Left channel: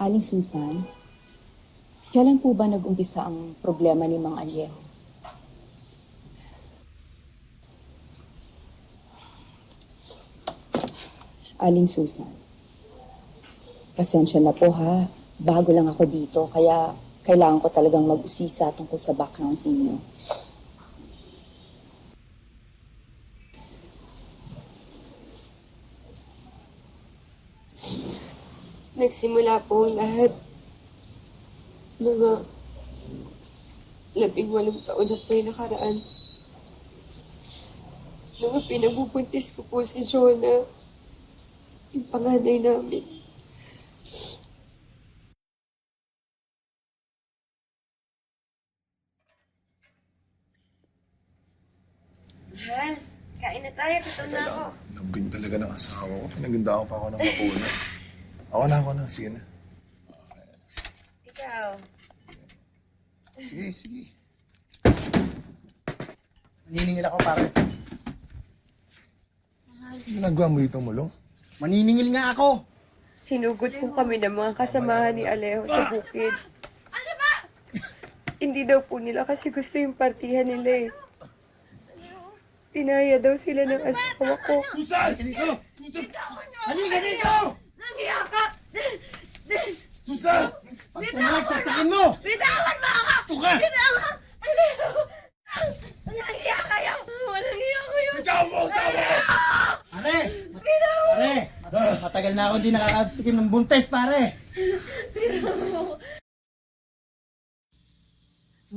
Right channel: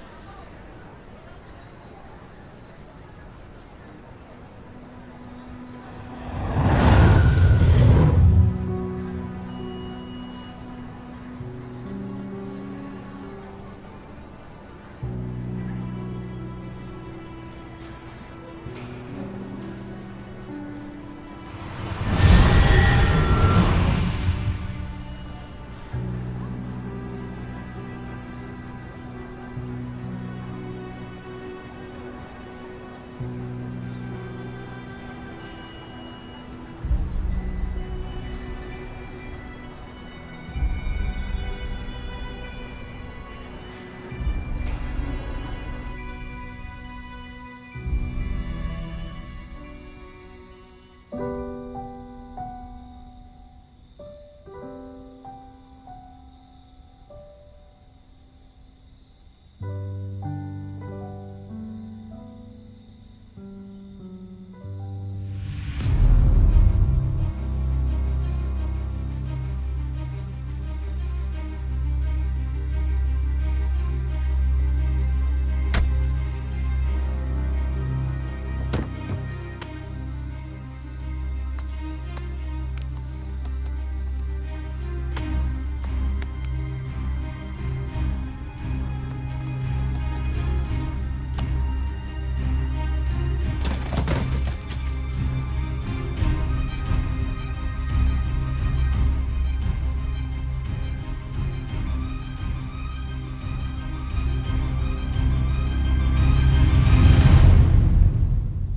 Aling Susan, kailan po ba nag-umpisa ang problema ni Mang Aliel? Aling Susan, pasensya na po ha. Bago lang ako dito, kaya kailangan ko talagang mag-usisa tungkol sa background ninyo. Nagsimula po ang lahat. Mga 18 taon na po yung nakaraan. Nung pinagbubuntis ko po si Shona, yung panganay namin. Mahal, kain na tayo. Gutom na ako. Lambing talaga ng asawa ko. Pinaganda ako pa ako ng makuna. Ako na. Sige na. Ikaw. Sige. Niningil ako, pare. Ginagawa mo itong mulong? Maniningil nga ako. Sinugod po kami ng mga kasamahan ni Alejo sa bukid. Ano ba? Hindi daw po nila kasi gusto yung partihan nila eh. Pinaya daw sila ng asawa ko. Susan! Halika dito! Yakap! Susan! Ano saksakin mo? Bitawan mo ako! Ito ka! Bitawan! Nahiya kaya mo! Nahiya ko yun! Ikaw mo asawa ko! Pare! Pare! Matagal na ako hindi nakakatikim ng buntes, pare.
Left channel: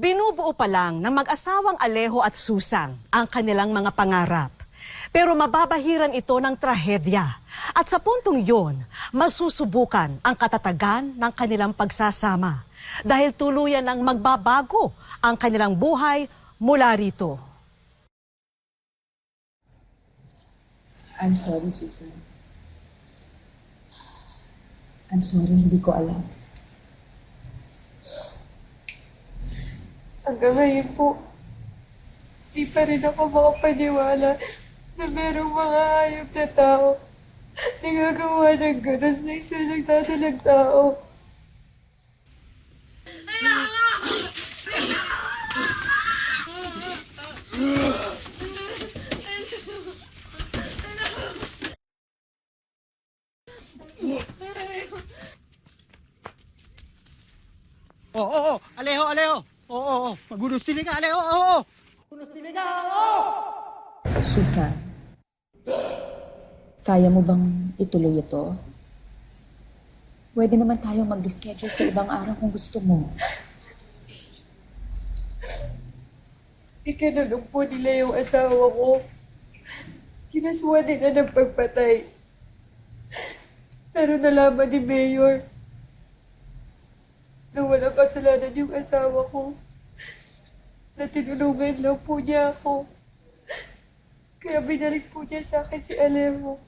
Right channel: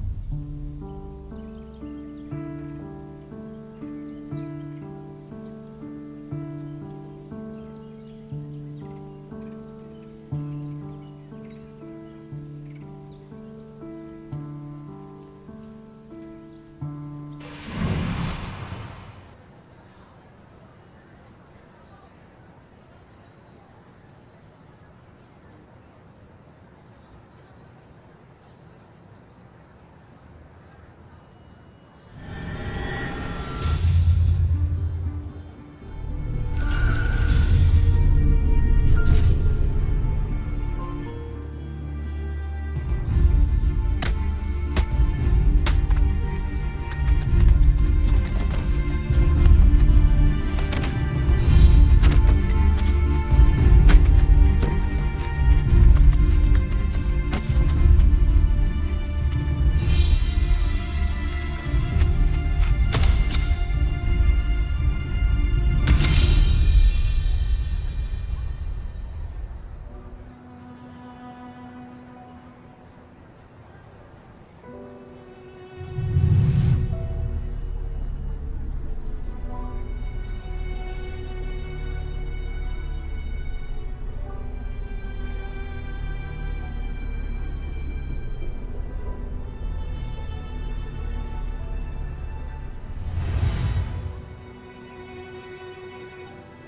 Binubuo pa lang ng mag-asawang Alejo at Susan ang kanilang mga pangarap. Pero mababahiran ito ng trahedya. At sa puntong yon, masusubukan ang katatagan ng kanilang pagsasama. Dahil tuluyan ng magbabago ang kanilang buhay mula rito. I'm sorry, Susan. I'm sorry, hindi ko alam. Hanggang ngayon po, di pa rin ako makapaniwala na merong mga hayop na tao na gagawa ng ganun sa isang nagdadalang tao. Oo. Alejo. Oo. Magulusin ka, Alejo. Oo. Susan, kaya mo bang ituloy ito? Pwede naman tayong mag-reschedule sa ibang araw kung gusto mo. Ikinulong po nila yung asawa ko. Kinaswa nila ng pagpatay. Pero nalaman ni Mayor na walang kasalanan yung asawa ko. Na tinulungan lang po niya ako. Kaya binalik po niya sa akin si Alejo.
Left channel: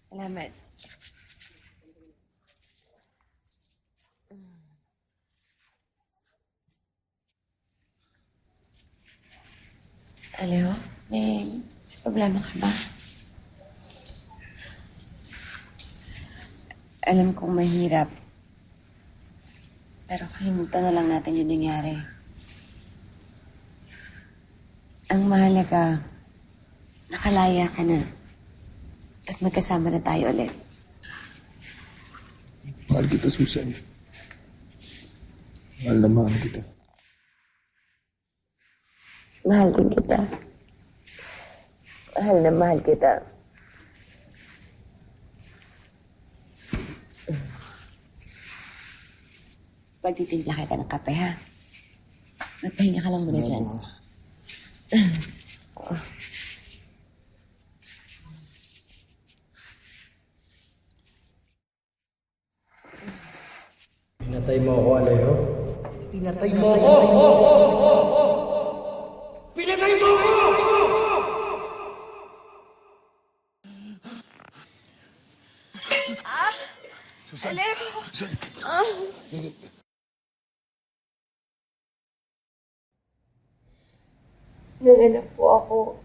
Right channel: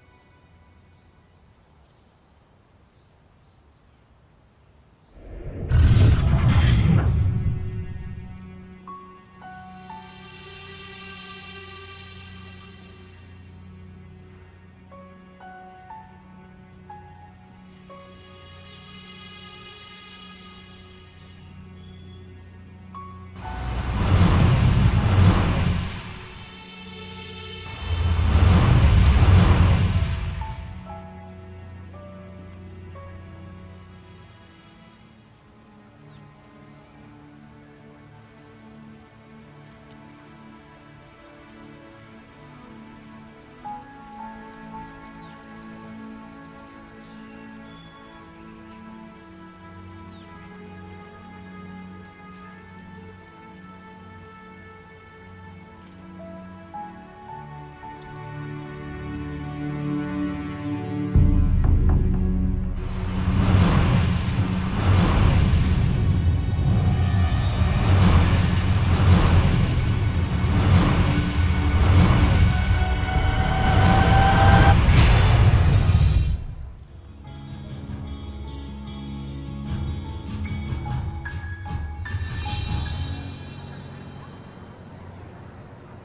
Salamat. Alejo, may problema ka ba? Alam kong mahirap. Pero kalimutan na lang natin yung nangyari. Ang mahalaga, nakalaya ka na. Magkasama na tayo ulit. Mahal kita, Susan. Mahal na mahal kita. Mahal din kita. Mahal na mahal kita. Pagtitimpla kita ng kape, ha? Magpahinga ka lang muna dyan. Pinatay mo ako. Pinatay mo ako! May anak po ako.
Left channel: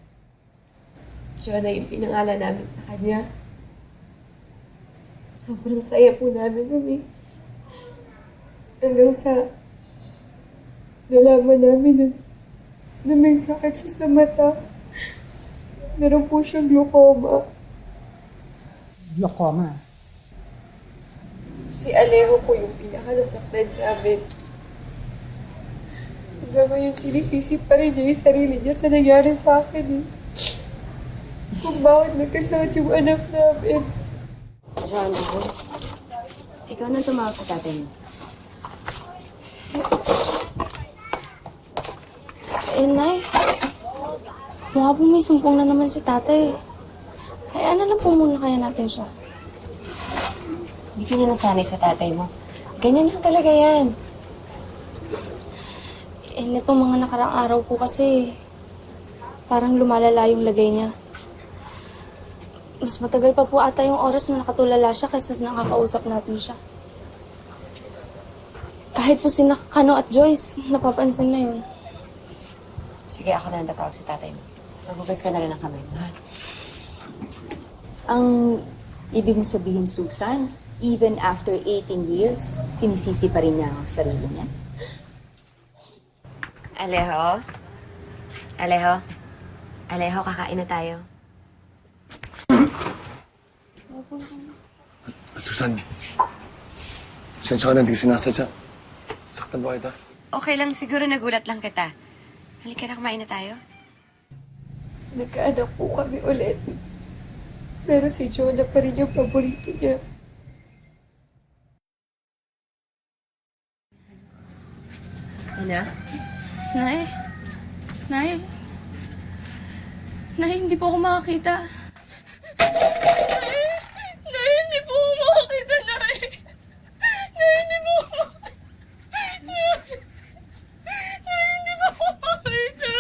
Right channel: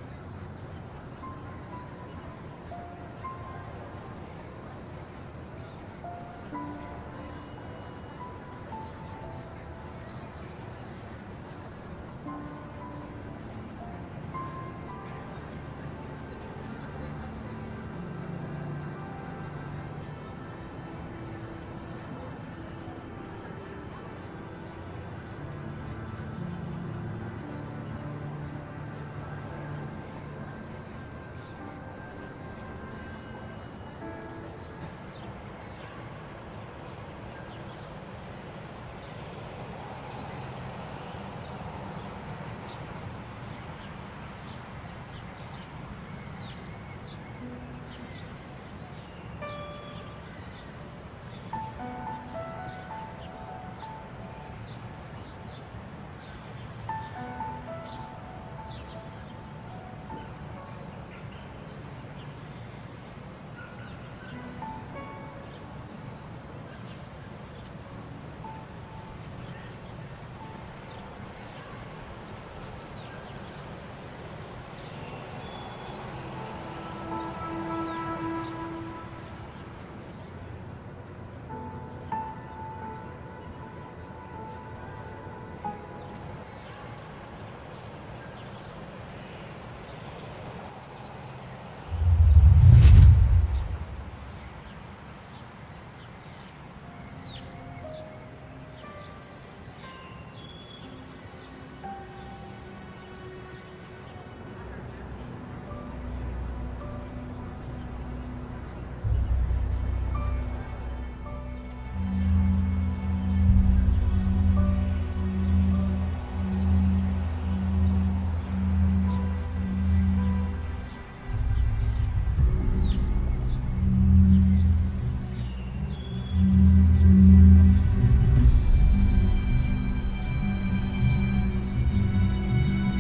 Jonah yung pinangalan namin sa kanya. Sobrang saya po namin nun eh. Hanggang sa nalaman namin na may sakit siya sa mata. Meron po siyang glaucoma. Glaucoma. Si Alejo po yung pinakanasaktan sa amin. Hanggang ngayon sinisisi pa rin niya yung sarili niya sa nangyari sa akin eh. Kung bakit nagkasakit yung anak namin. Ron, ikaw nang tumawag sa tatay mo. Nay, mukha po may sumpong na naman si tatay. Hayaan na lang po muna kaya natin siya. Hindi ka na nasanay sa tatay mo. Ganyan lang talaga yan. Netong mga nakarang araw po kasi, parang lumalala yung lagay niya. Mas matagal pa po ata yung oras na nakatulala siya kaysa nakakausap natin siya. Kahit po si Kano at Joyce, napapansin na yun. Sige, ako na ang tatawag sa tatay mo. Maghugas ka na rin ng kamay mo, ha? Ang ibig mo sabihin, Susan, even after 18 years, sinisisi pa rin niya ang sarili niya? Alejo? Alejo? Alejo, kakain na tayo. Susan. Sensya ka na, hindi ka sinasadya. Saktan ba kita? Okay lang, siguro nagulat lang kita. Halika na, kumain na tayo. Nagkaanak po kami ulit. Pero si Jonah pa rin yung paborito niya. Ina? Nay? Nay? Nay, hindi po ako makakita. Nay, hindi po ako makakita, Nay. Nay, hindi po ako... Nay, hindi po ako makakita.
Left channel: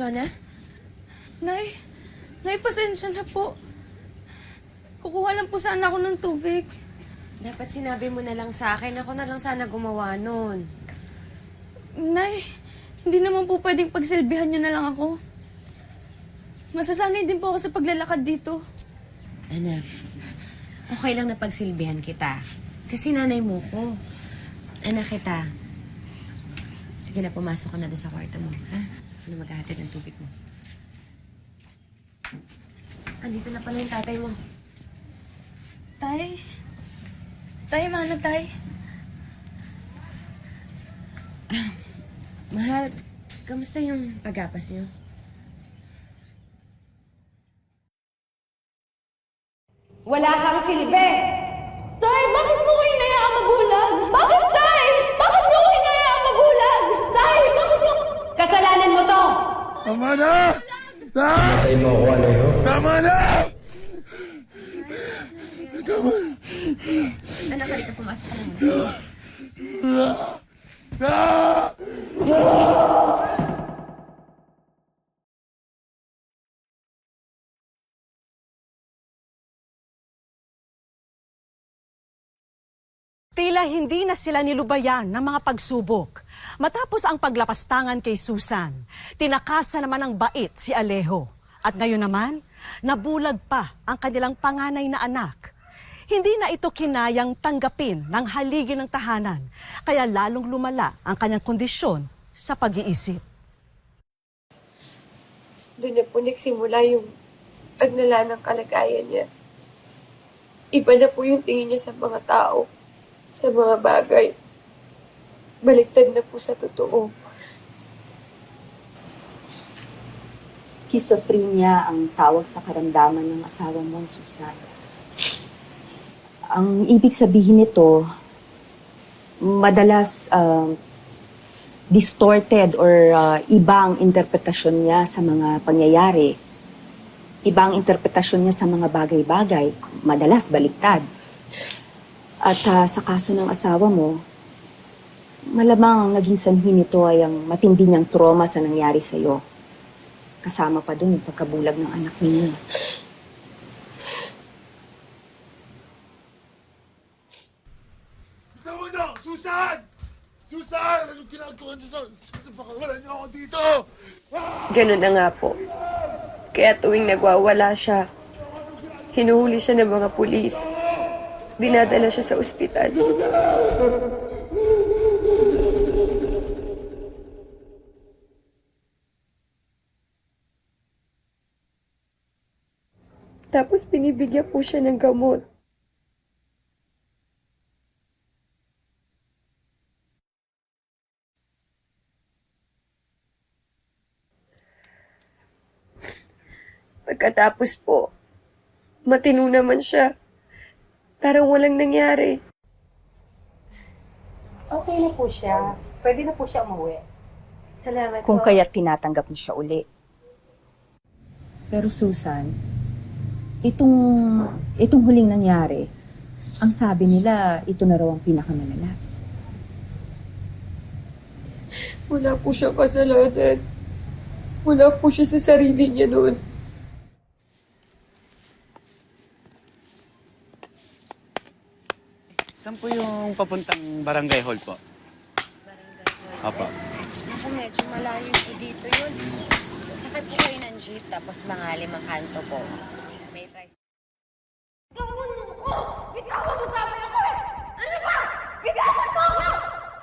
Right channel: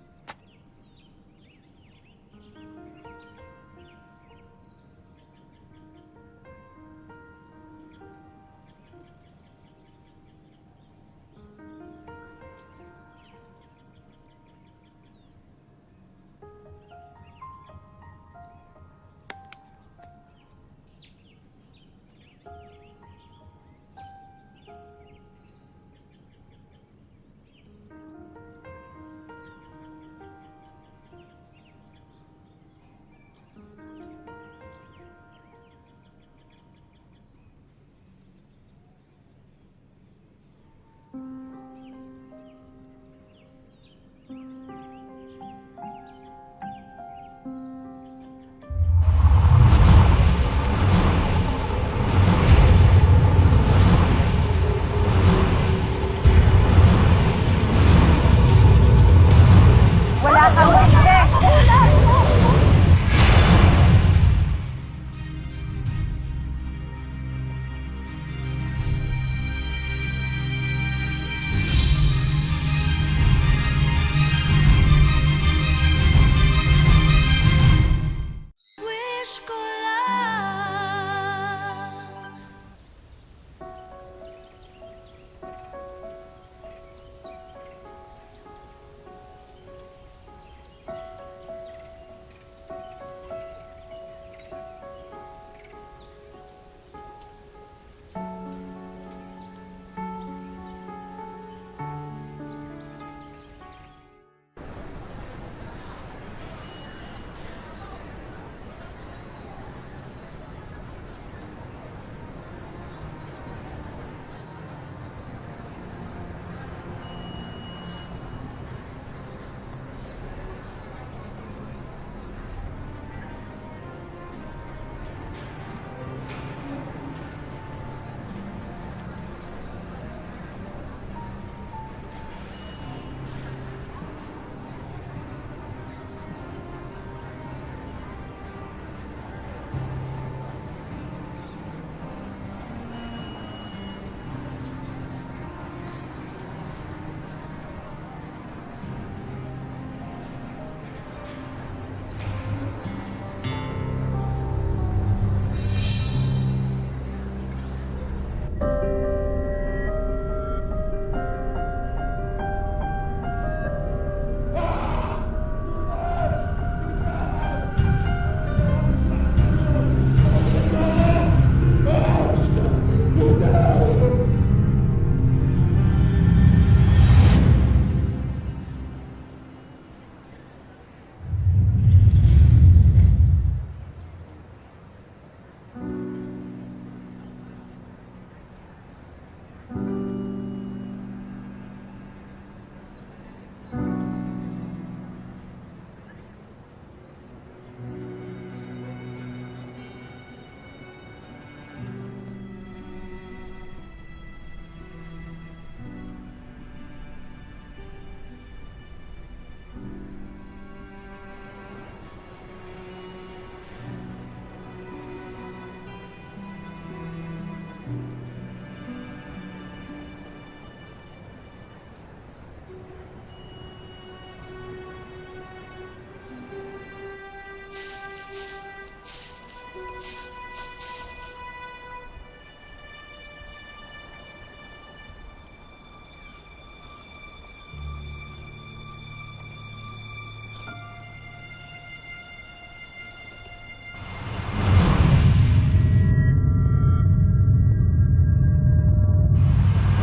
Jonah? Nay, pasensya na po. Kukuha lang po sana ako ng tubig. Dapat sinabi mo na lang sa akin. Ako na lang sana gumawa nun. Nay, hindi naman po pwedeng pagsilbihan niyo na lang ako. Masasanay din po ako sa paglalakad dito. Anak, okay lang na pagsilbihan kita. Kasi nanay mo ko. Anak kita. Sige na, pumasok ka na doon sa kwarto mo, ha? Ano maghahatid ng tubig mo? Andito na pala yung tatay mo. Tay? Tay, mana tay? Mahal, kamusta yung pag-apas niyo? Wala kang silbi! Tay, bakit mo kayo nayaang magulang? Bakit, Tay? Bakit mo kayo nayaang magulang? Tay, bakit mo... Kasalanan mo to! Tama na! Tama na! Tama na! Anak, halika, pumasok ka na. Tila hindi na sila nilubayan ng mga pagsubok. Matapos ang paglapastangan kay Susan, tinakasan naman ng bait si Alejo. At ngayon naman, nabulag pa ang kanilang panganay na anak. Hindi na ito kinayang tanggapin ng haligi ng tahanan, kaya lalong lumala ang kanyang kondisyon sa pag-iisip. Doon na po nagsimula yung paglala ng kalagayan niya. Iba na po yung tingin niya sa mga tao, sa mga bagay. Baliktad na po sa totoo. Schizophrenia ang tawag sa karamdaman ng asawa mo, Susan. Ang ibig sabihin nito, madalas distorted or ibang interpretasyon niya sa mga pangyayari. Ibang interpretasyon niya sa mga bagay-bagay, madalas baliktad. At sa kaso ng asawa mo, Malamang ang naging sanhi nito ay ang matindi niyang trauma sa nangyari sa'yo. Kasama pa dun yung pagkabulag ng anak ninyo. Susan! Susan! Anong ginagawa niyo, Susan? Wala na ako dito! Ganun na nga po. Kaya tuwing nagwawala siya, hinuhuli siya ng mga pulis. Dinadala siya sa ospital. Tapos binibigyan po siya ng gamot. Pagkatapos po, matino naman siya. Parang walang nangyari. Okay na po siya. Pwede na po siya umuwi. Salamat Kung po. kaya tinatanggap mo siya uli. Pero Susan, itong huling nangyari, ang sabi nila, ito na raw ang pinakamalala. Wala po siya kasalanan. Wala po siya sa sarili niya noon. Saan po yung papuntang barangay hall po? Opo. Ako medyo malayo po dito yun. Sakit po kayo ng jeep, tapos mga 5 kanto po. May Bitawan mo sa amin ako eh! Ano ba? Bitawan mo ako!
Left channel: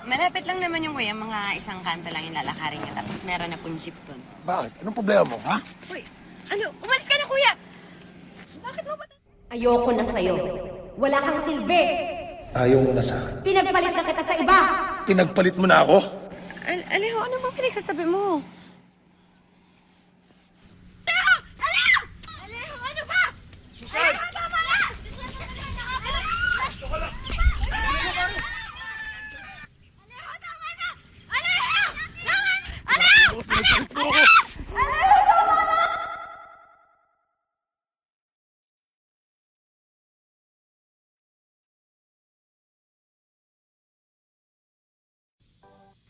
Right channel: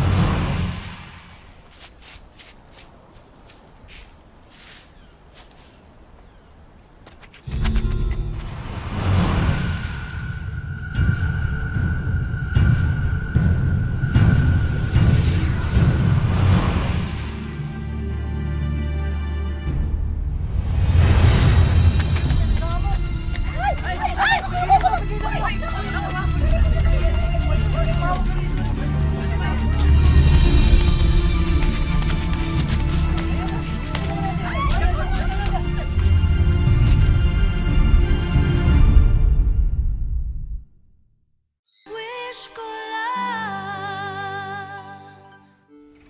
Malapit lang naman yung way, mga 1 kanto lang yung lalakarin niya, tapos meron na pong jeep dun. Bakit? Anong problema mo, ha? Uy, ano? Umalis ka na, kuya! Ayoko na sa'yo. Wala kang silbi. Ayaw mo na sa akin. Pinagpalit na kita sa iba. Pinagpalit mo na ako. Alejo, ano ba pinagsasabi mo?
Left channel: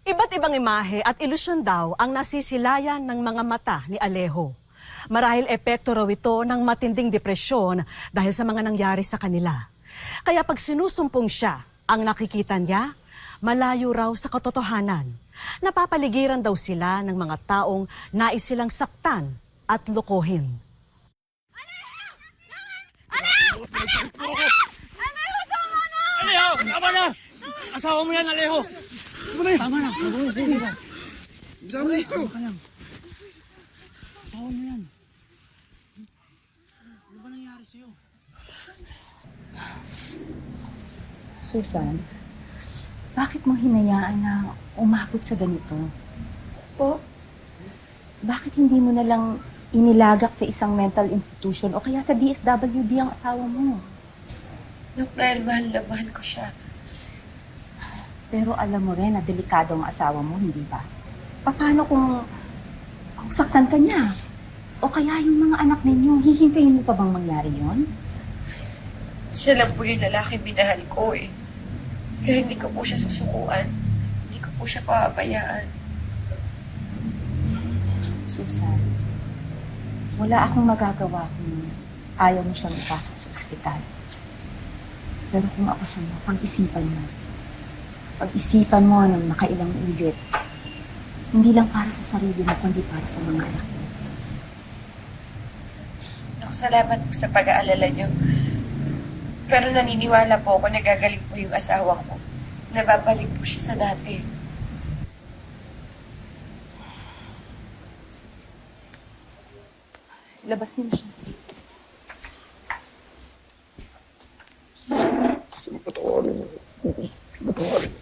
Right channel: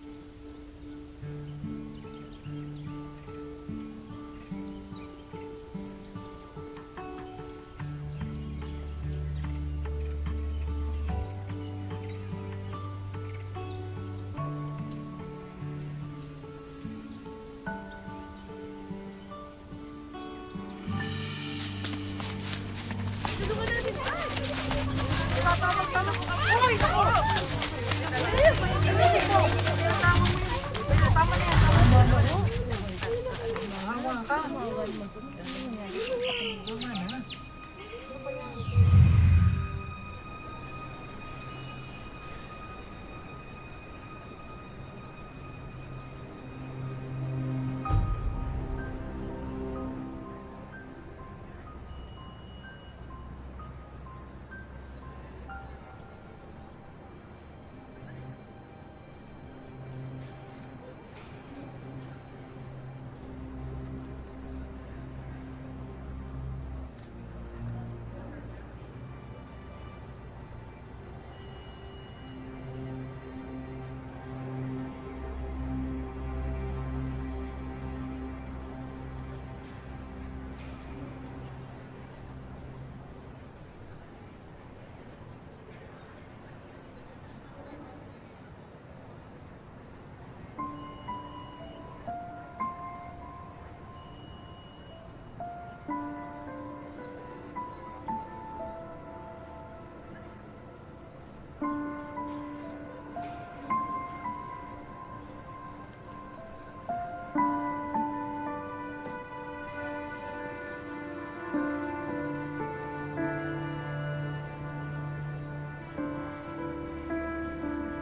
Iba't ibang imahe at ilusyon daw ang nasisilayan ng mga mata ni Alejo. Marahil epekto raw ito ng matinding depresyon dahil sa mga nangyari sa kanila. Kaya pag sinusumpong siya, ang nakikita niya, malayo raw sa katotohanan. Napapaligiran daw sila ng mga taong nais silang saktan at lokohin. Asawa mo yan, Alejo! Susan, bakit mo hinayaan na umabot sa ganito? Po? Bakit hindi mo na lang inilagak sa isang mental institution o kaya sa DSWD ang asawa mo? Dok, dahil mahal na mahal ko siya. Pero alam mo rin na delikado ang asawa mo, hindi ba? Paano kung saktan ka niya? O kaya yung mga anak ninyo, hihintayin mo pa bang mangyari yon? Siya lang po yung lalaki minahal ko eh. Kaya hindi ko po siya susukuan. Hindi ko po siya papabayaan. Susan, wala akong magagawa kung ayaw mo siyang ipasok sa ospital. Pero kung ako sa'yo, pag-isipan mo. Pag-isipan mo ng nakailang ulit. Hindi lang para sa sarili mo, kundi para sa mga anak mo. Dok, salamat po sa pag-aalala niyo. Pero naniniwala po ako na gagaling po yung asawa ko. Nababalik po siya sa dati. Labas mo na siya. Patawarin mo. Patawarin.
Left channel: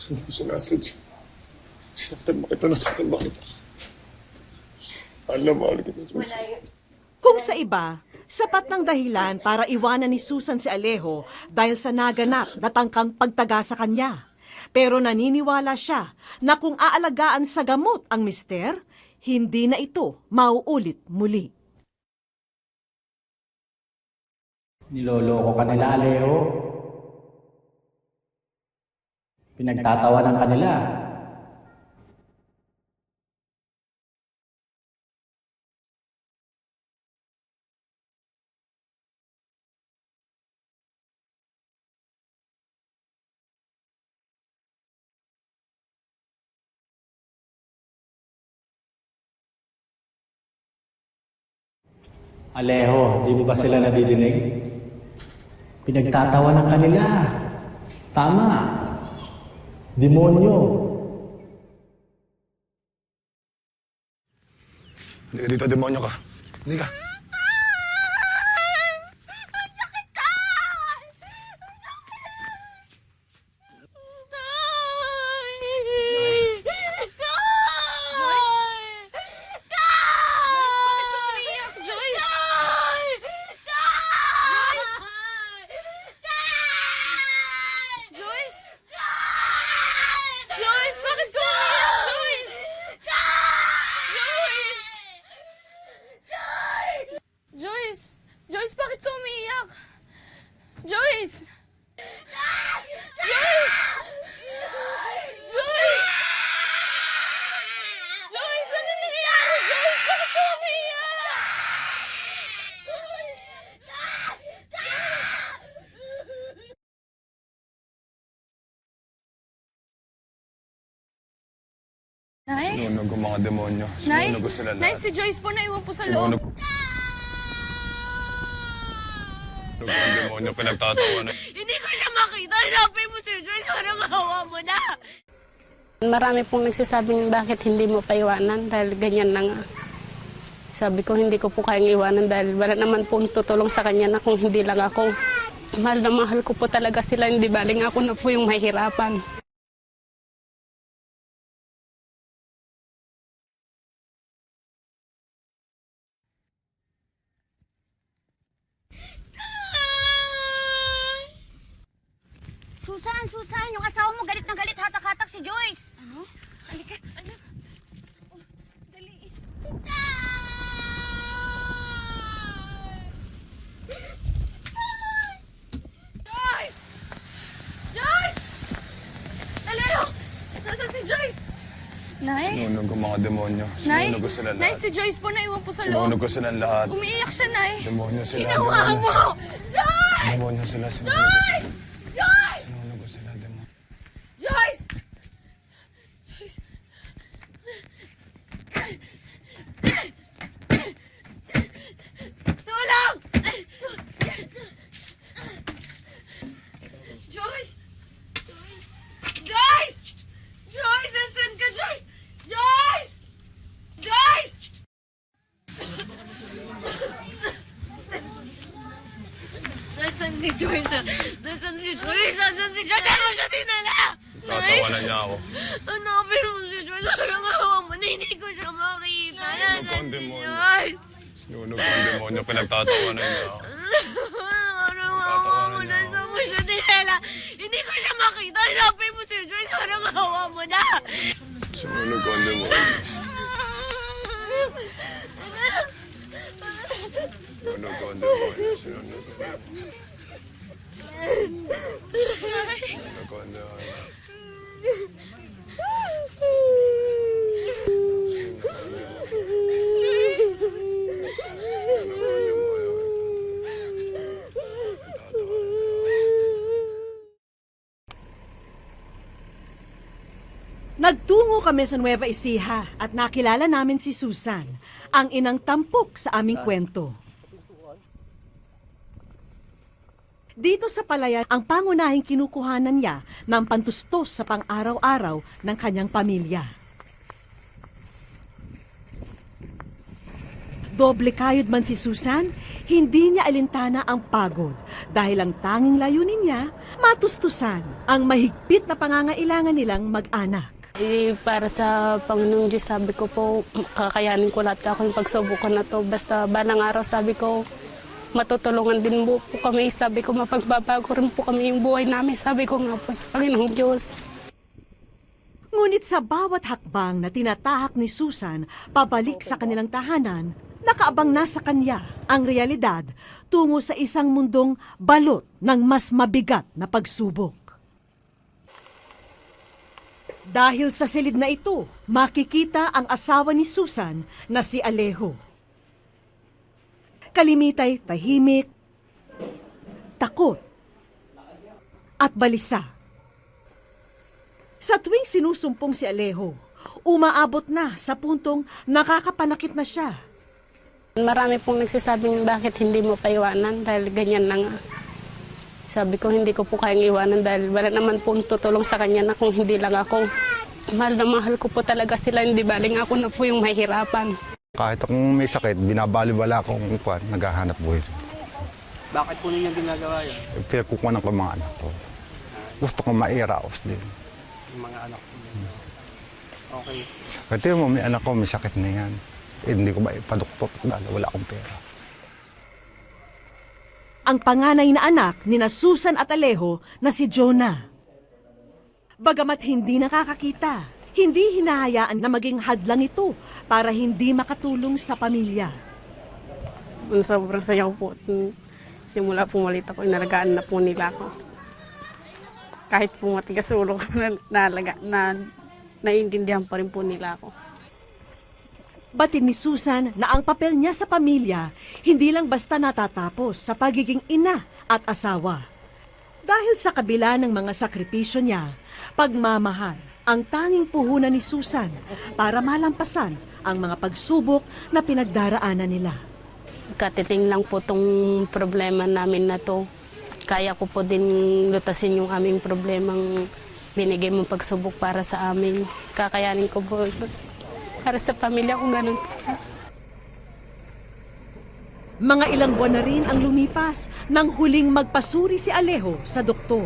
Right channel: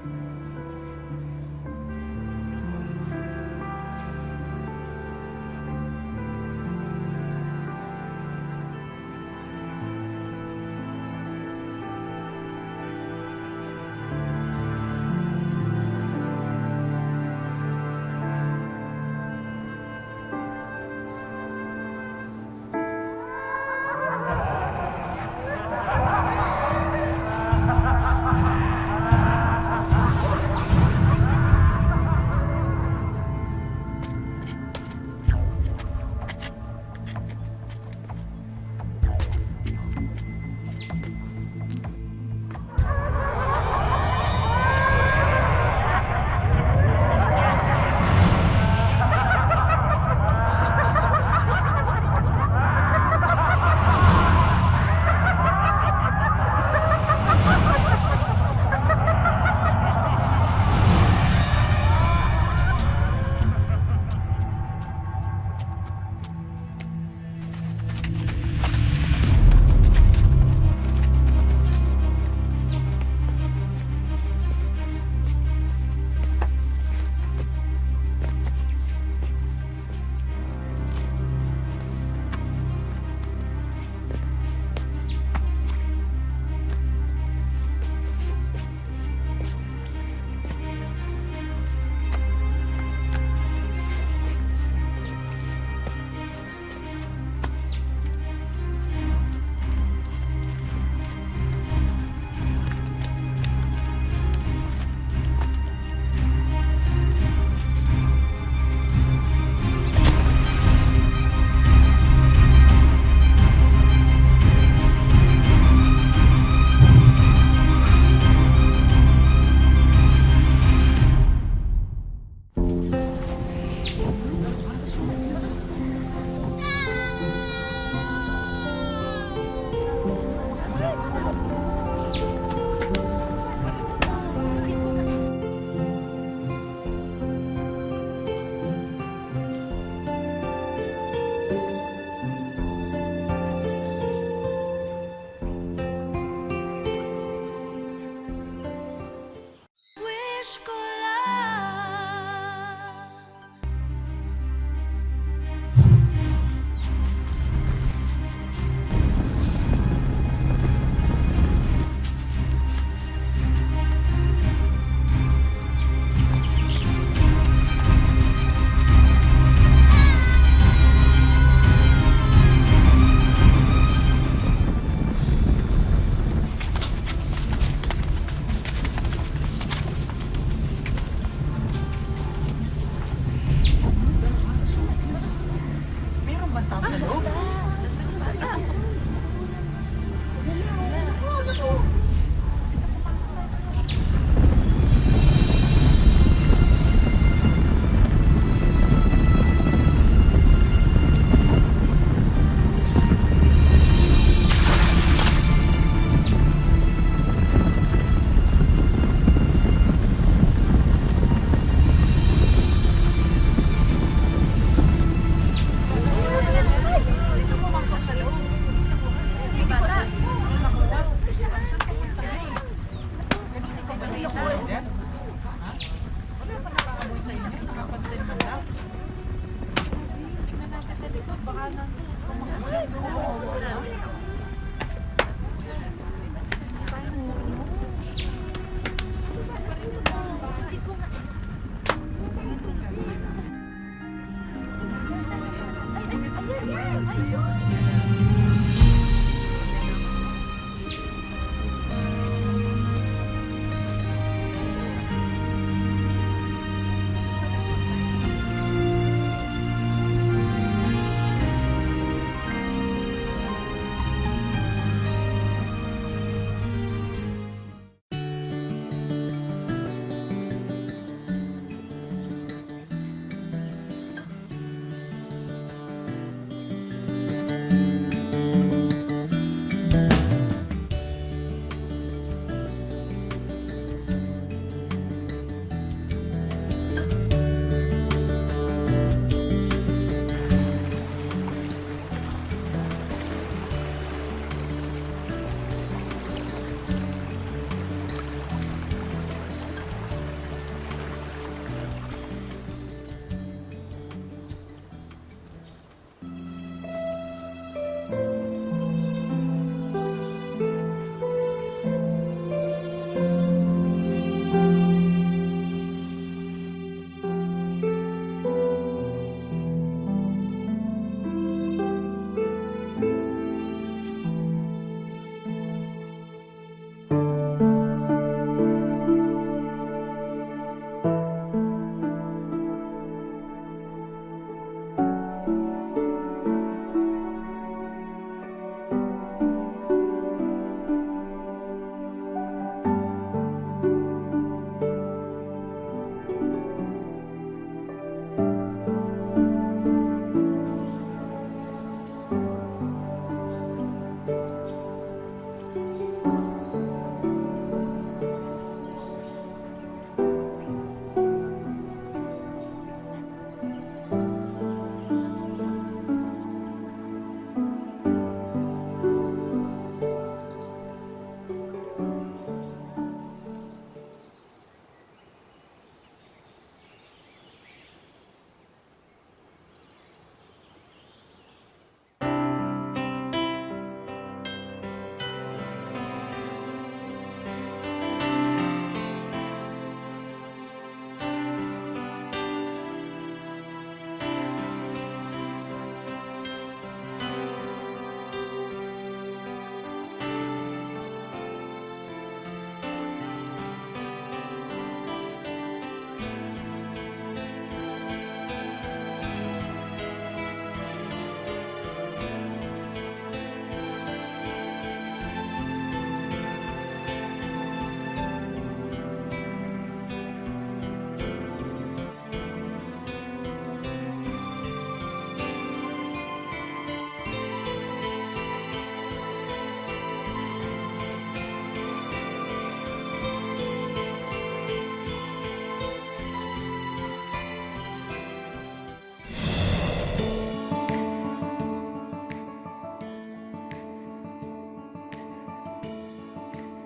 Hindi ko sinasadya. Sinaktan mo kita, nasaktan mo kita. Alam mo, Susan. Kung sa iba, sapat ng dahilan para iwanan ni Susan si Alejo dahil sa naganap na tangkang pagtaga sa kanya. Pero naniniwala siya na kung aalagaan sa gamot ang mister, hindi na ito mauulit muli. Niloloko ka nila, Alejo. Pinagtatawanan ka nila. Alejo, di mo ba sila nadidinig? Pinagtatawanan ka nila. Tama. Demonyo. Hindi ka dito, demonyo ka. Hindi ka. Joyce, bakit ka umiyak? Joyce! Joyce! Joyce! Joyce, bakit ka umiyak? Joyce! Joyce! Joyce! Joyce, ano nangyayari? Joyce, bakit ka umiyak? Nay? Sumunod ang mga demonyo. Nay? Sumunod ko sila Nay, lahat. si Joyce po naiwan po sa loob. Sumunod ko. Demonyo pinagtatawanan. Hindi ko siya makita. Hanapin mo si Joyce. Parang awa mo na. Marami pong nagsasabing bakit hindi mo pa iwanan dahil ganyan na nga. Sabi ko hindi ko po kayang iwanan dahil wala naman po tutulong sa kanya na kung hindi lang ako. Mahal na mahal ko po talaga sila, hindi baling ako na po yung mahirapan. Wish ko lang. Susan, yung asawa mo galit na galit, hatak-hatak si Joyce. Joyce! Alero! Nasaan si Joyce? Nay? Sumunod ang mga demonyo. Nay? Sumunod ko sila Nay, lahat. si Joyce po naiwan po sa loob. Sumunod ko sila lahat. Umiiyak siya, Nay. Demonyo sila. Ginawa mo! Joyce! Demonyo sila. Joyce! Joyce! Joyce! Tulong! Joyce! Joyce! Joyce! Nasaan ka, Joyce? Joyce! Joyce! Nasaan si Joyce? Nasaan si Joyce? Nasaan si Joyce? Ano siya dinala? Pinagtatawanan niya ako. Hanapin mo si Joyce. Parang awa mo na. Hindi ko siya makita. Nasaan si Joyce? Sumunod ang demonyo pinagtatawanan niya. Parang awa mo na. Saan mo siya dinala? Hindi ko siya makita. Hanapin mo si Joyce. Parang awa mo na. Sumunod ang demonyo. Nagtungo kami sa Nueva Ecija at nakilala namin si Susan, ang inang tampok sa aming kwento. Dito sa palayan, ang pangunahing kinukuhanan niya ng pantustos sa pang-araw-araw ng kanyang pamilya. Doble kayod man si Susan, hindi niya alintana ang pagod dahil ang tanging layunin niya, matustusan ang mahigpit na pangangailangan nilang mag-anak. Para sa Panginoong Diyos, sabi ko po, kakayanin ko lahat ako yung pagsubukan na to. Basta balang araw, sabi ko, matutulungan din po kami. Sabi ko, mapagbabago rin po kami yung buhay namin. Sabi ko nga po sa Panginoong Diyos. Ngunit sa bawat hakbang na tinatahak ni Susan pabalik sa kanilang tahanan, nakaabang na sa kanya ang realidad tungo sa isang mundong balot ng mas mabigat na pagsubok. Dahil sa silid na ito, makikita ang asawa ni Susan na si Alejo. Kalimitay tahimik, takot, at balisa. Sa tuwing sinusumpong si Alejo, umaabot na sa puntong nakakapalakit na siya. Marami pong nagsasabing bakit hindi mo pa iwanan dahil ganyan na nga. Sabi ko hindi ko po kayang iwanan dahil wala naman pong tutulong sa kanya na kung hindi lang ako. Mahal na mahal ko po talaga sila, hindi baling ako na po yung mahirapan. Kahit akong may sakit, binabaliwala akong kuwan, naghahanap buhay. Bakit po ninyo ginagawa yun? Pinagkukunan ko ang mga anak ko. Gusto ko mairaos din. Yung mga anak po. Okay. Kasi mo, may anak ko, may sakit na yan. Hindi ko ba ipaduktot dahil wala akong pera. Ang panganay na anak ni na Susan at Alejo na si Jonah. Bagamat hindi nakakakita, hindi hinahayaan na maging hadlang ito para hindi makatulong sa pamilya. Sobrang sayaw po. Simula po malit ako, inalagaan na po nila ako. Kahit po matigas ulo ko naiintindihan pa rin po nila ako. Batid ni Susan na ang papel niya sa pamilya hindi lang basta natatapos sa pagiging ina at asawa. Dahil sa kabila ng mga sakripisyo niya, pagmamahal ang tanging puhunan ni Susan para malampasan ang mga pagsubok na pinagdaraanan nila. Katiting lang po itong problema namin na to. Kaya ko po din lutasin yung aming problemang binigay mong pagsubok para sa amin. Kakayanin ko po para sa pamilya ko ganun. Mga ilang buwan na rin ang lumipas nang huling magpasuri si Alejo sa doktor.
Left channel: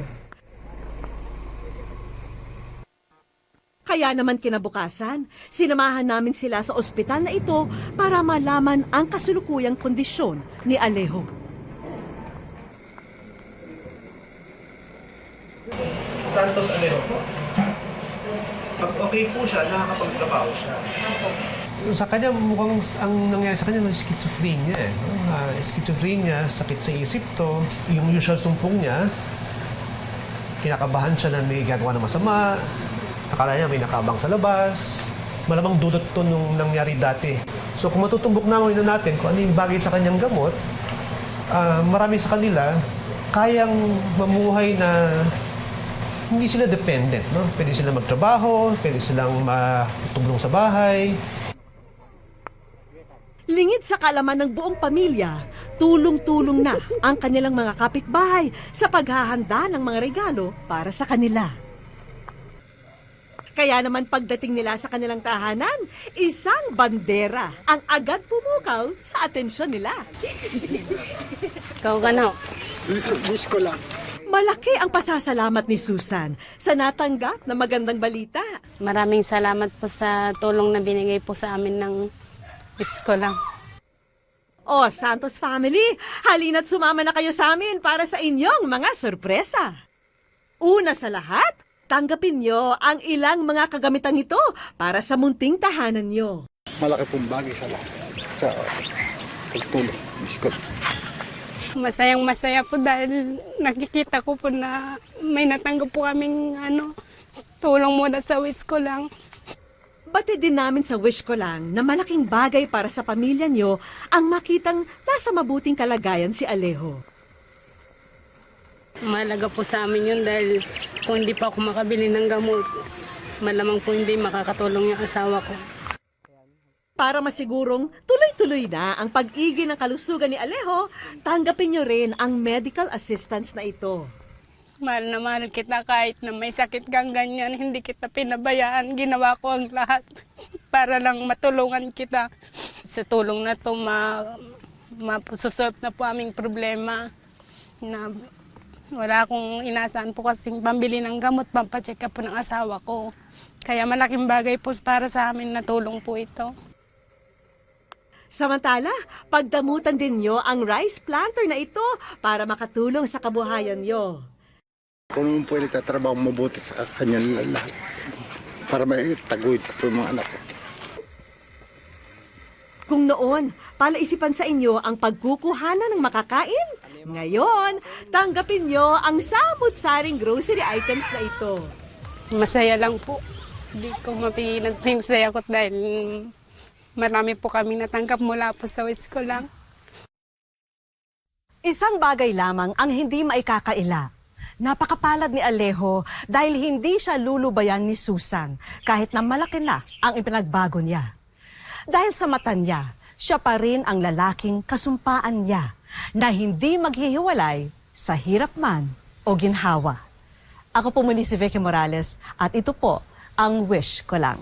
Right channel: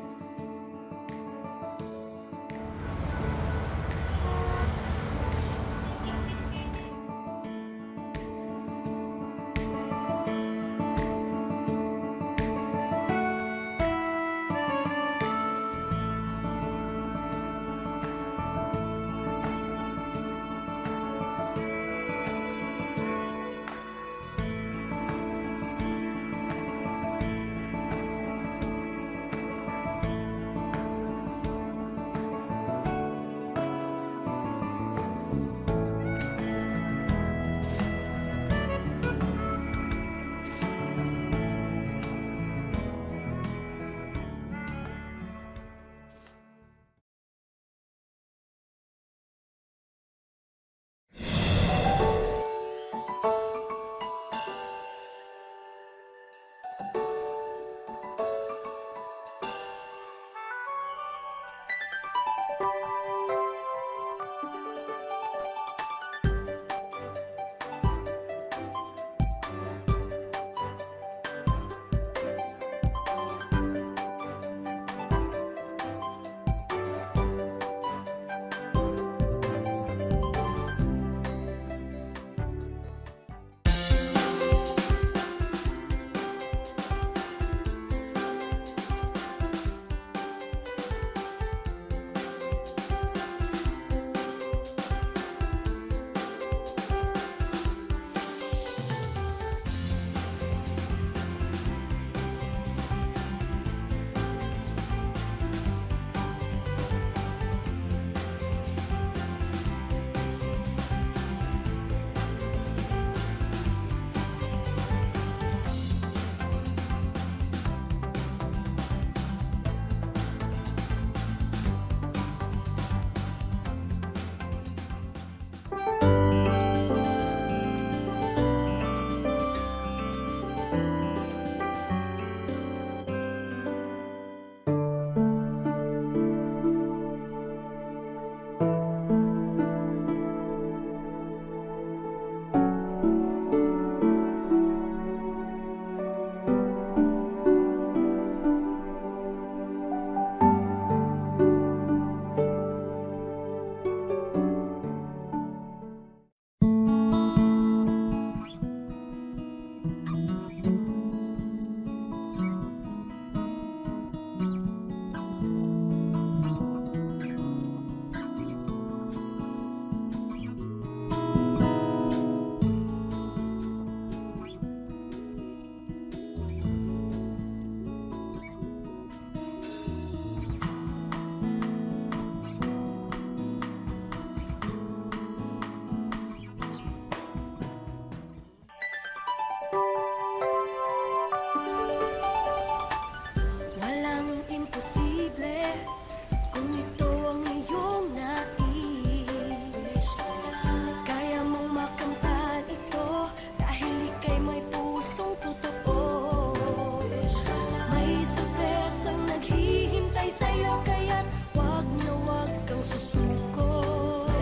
Kaya naman kinabukasan, sinamahan namin sila sa ospital na ito para malaman ang kasulukuyang kondisyon ni Alejo. Santos Alejo po. Pag okay po siya, nakakapagtrabaho siya. Sa kanya, mukhang ang nangyari sa kanya, may schizophrenia eh. Schizophrenia, sakit sa isip to. Yung usual sumpong niya, kinakabahan siya na may gagawa ng masama. Akala niya may nakabang sa labas. Malamang dulot to nung nangyari dati. So kung matutumbok namin natin kung ano yung bagay sa kanyang gamot, marami sa kanila kayang mamuhay na hindi sila dependent, no? Pwede silang magtrabaho, pwede silang matulong sa bahay. Lingid sa kaalaman ng buong pamilya, tulong-tulong na ang kanilang mga kapitbahay sa paghahanda ng mga regalo para sa kanila. Kaya naman pagdating nila sa kanilang tahanan, isang bandera ang agad pumukaw sa atensyon nila. Ikaw gano? Wish ko lang. Malaki ang pasasalamat ni Susan sa natanggap na magandang balita. Maraming salamat po sa tulong na binigay po sa amin ng eskola. O Santos family, halina't sumama na kayo sa amin para sa inyong mga sorpresa. Una sa lahat, tanggapin nyo ang ilang mga kagamitang ito para sa munting tahanan nyo. Malaki pong bagay sa lahat. Sa pagtulong. Wish ko. Masayang masaya po dahil nakikita ko po na may natanggap po kaming tulong muna sa wish ko lang. Pati din namin sa wish ko lang na malaking bagay para sa pamilya nyo ang makitang nasa mabuting kalagayan si Alejo. Mahalaga po sa amin yun dahil kung hindi pa ako makabili ng gamot, malamang po hindi makakatulong yung asawa ko. Para masigurong tuloy-tuloy na ang pag-igin ng kalusugan ni Alejo, tanggapin nyo rin ang medical assistance na ito. Mahal na mahal kita kahit na may sakit kang ganyan, hindi kita pinabayaan. Ginawa ko ang lahat para lang matulungan kita. Sa tulong na ito, mapususot na po aming problema. Na wala akong inasahan po kasi pambili ng gamot, pampacheck up po ng asawa ko. Kaya malaking bagay po para sa amin na tulong po ito. Samantala, pagdamutan din nyo ang rice planter na ito para makatulong sa kabuhayan nyo. Kung po nagtatrabaho mabuti sa kanyang lahat para maitaguyod ko po yung mga anak ko. Kung noon, palaisipan sa inyo ang pagkukuhanan ng makakain, ngayon, tanggapin nyo ang samut-saring grocery items na ito. Masaya lang po. Hindi ko mapigilan po yung saya ko dahil marami po kami natanggap mula po sa school lang. Isang bagay lamang ang hindi maikakaila. Napakapalad ni Alejo dahil hindi siya lulubayan ni Susan kahit na malaki na ang ipinagbago niya. Dahil sa mata niya, siya pa rin ang lalaking kasumpaan niya na hindi maghihiwalay sa hirap man o ginhawa. Ako po muli si Vicky Morales at ito po ang Wish Ko Lang.